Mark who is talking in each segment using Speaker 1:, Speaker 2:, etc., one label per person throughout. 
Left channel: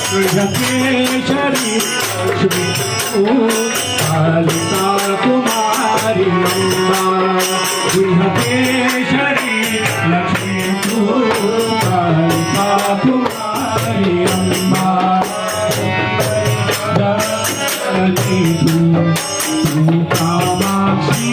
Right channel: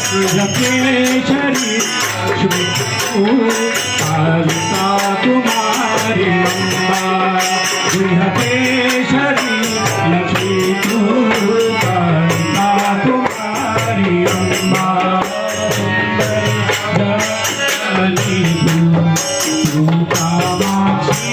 Speaker 1: జపేశ్వరి కాళికా కుమారి జపేశ్వరి లక్ష్మీ కాళికా కుమారి అంబా కామాక్షి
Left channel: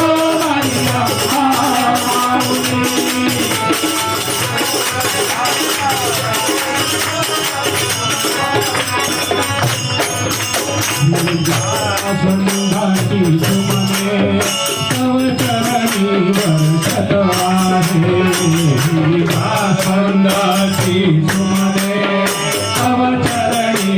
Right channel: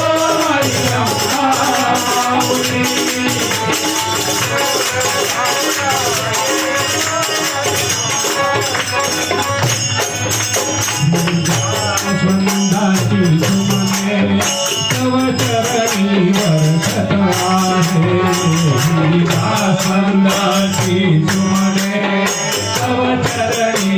Speaker 1: संघाति सुमने तव चरणे वर्षताहे संघाति सुमने तव चरणे